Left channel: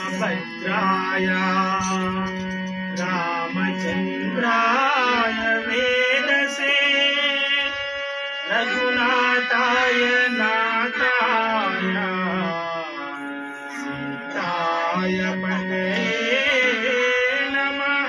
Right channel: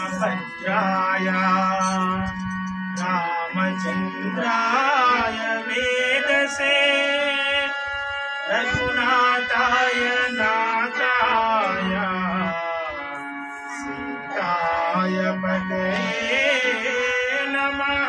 भद्राय रामचंद्राय वेदसे रघुनाथाय नाथाय सीताय पतये नमः।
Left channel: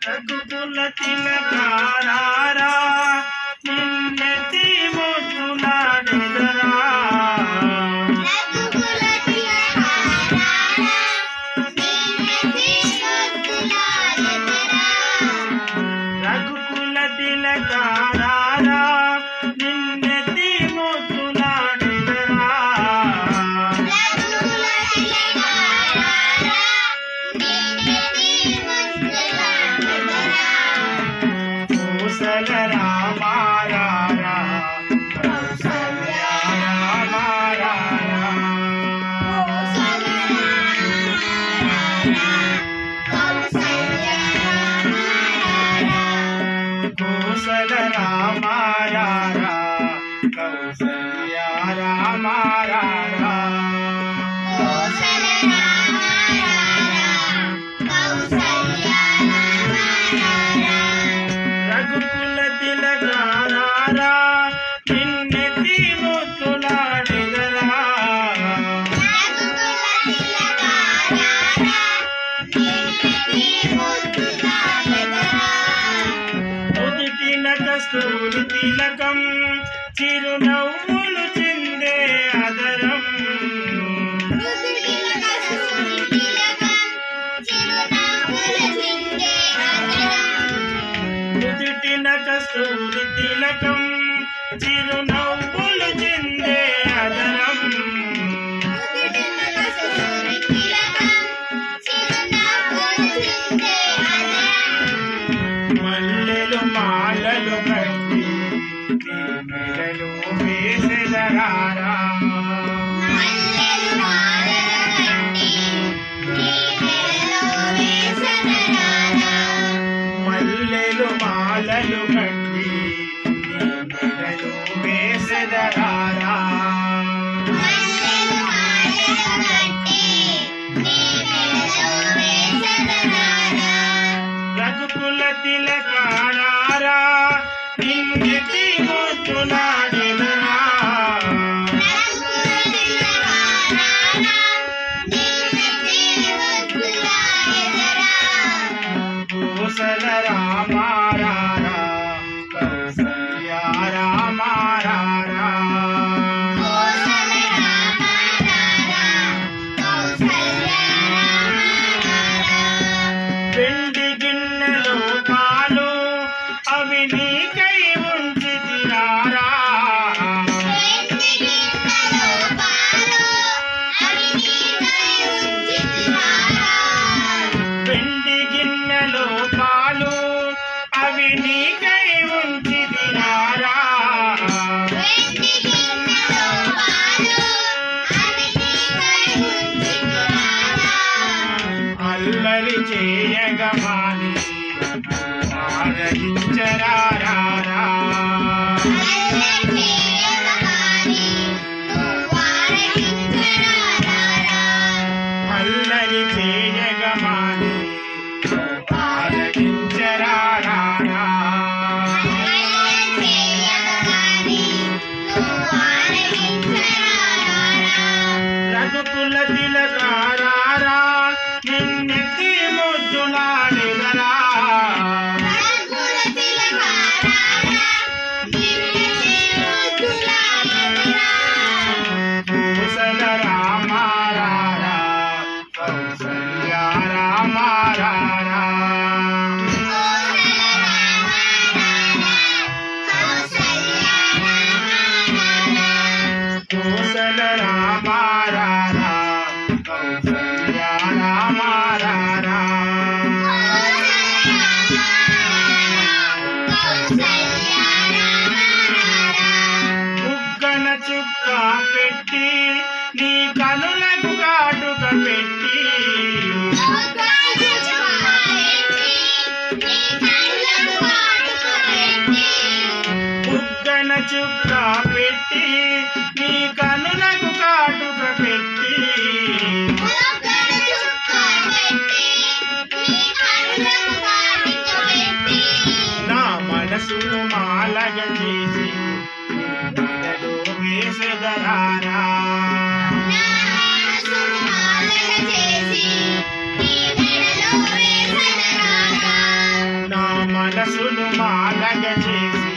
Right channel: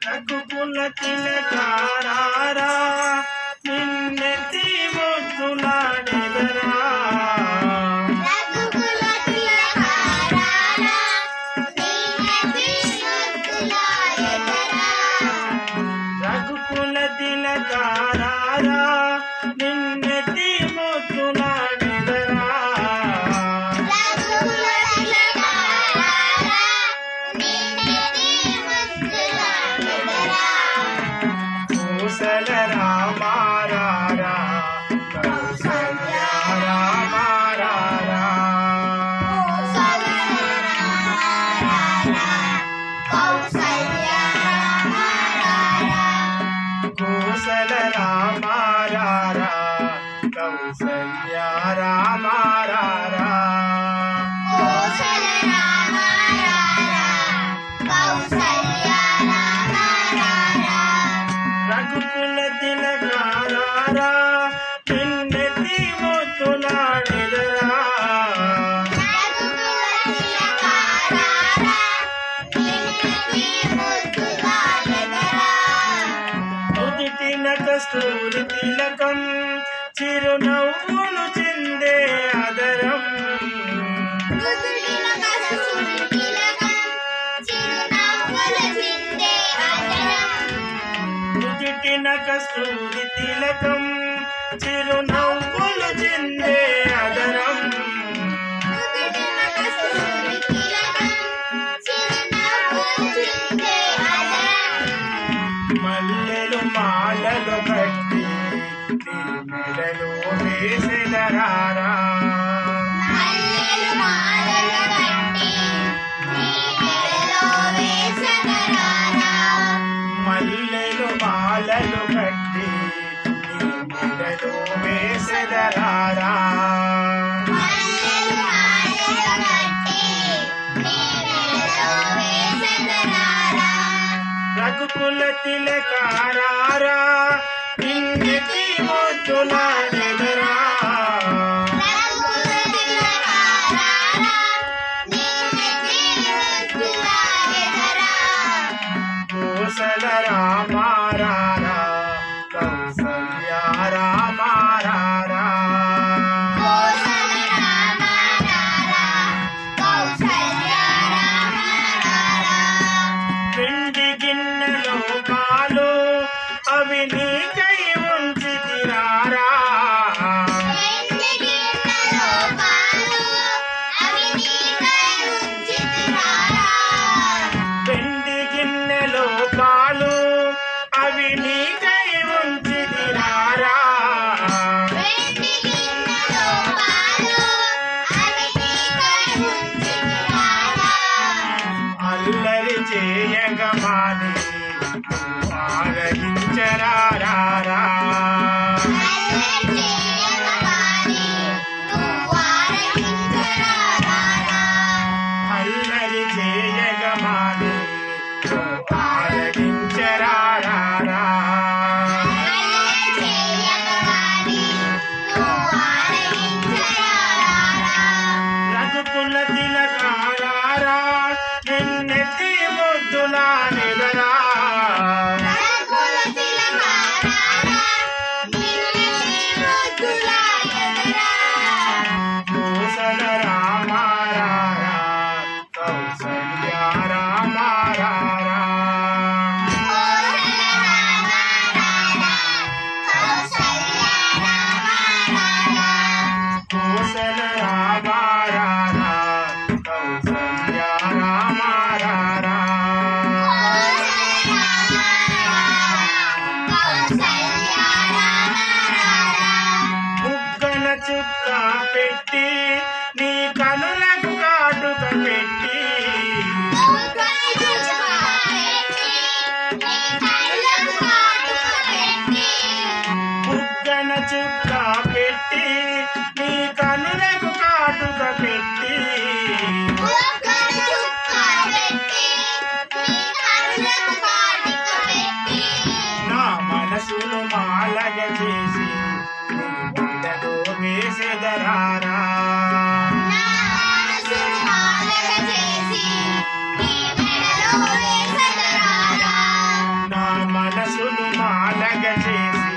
रघुकुल तिलकारा निन्नेति मुद्दुलाडेदरा रघुकुल तिलकारा निन्नेति मुद्दुलाडेदरा कौशल राम रारा कौशल्या राम रारा कौशल राम रारा कौशल्या राम रारा रघुकुल तिलकारा निन्नेति मुद्दुलाडेदरा నుదుటిన కస్తూరి తిలకం చిరునవ్వులు చిందే అదరం నుదుటిన కస్తూరి తిలకం చిరునవ్వులు చిందే అదరం మల్లెలు మాలలు కట్టి నీ మెడలో వేసెదరారా మల్లెలు మాలలు కట్టి నీ మెడలో వేసెదరారా रघुकुल तिलकारा निन्नेति मुद्दुलाडेदरा कौशल राम रारा कौशल्या राम रारा వెండి గిన్నెలో పాలు అవి నీకై ఉంచితిరారా వెండి గిన్నెలో పాలు అవి నీకై ఉంచితిరారా అల్లరి చేయగమాని ఆరగించరారా అల్లరి చేయగమాని ఆరగించరారా రఘుకుల తిలకారా నిన్నేతి ముద్దులాడెదరా కౌశల రామ రారా కౌశల్యా రామ రారా కౌశల రామ రారా కౌశల్యా రామ రారా బుగ్గన చుక్క పెట్టి నీ కనులకు కాటుక పెట్టి మనసును మాలగ చేసి మెడలో వేసెదరారా నా మనసును మాలగ చేసి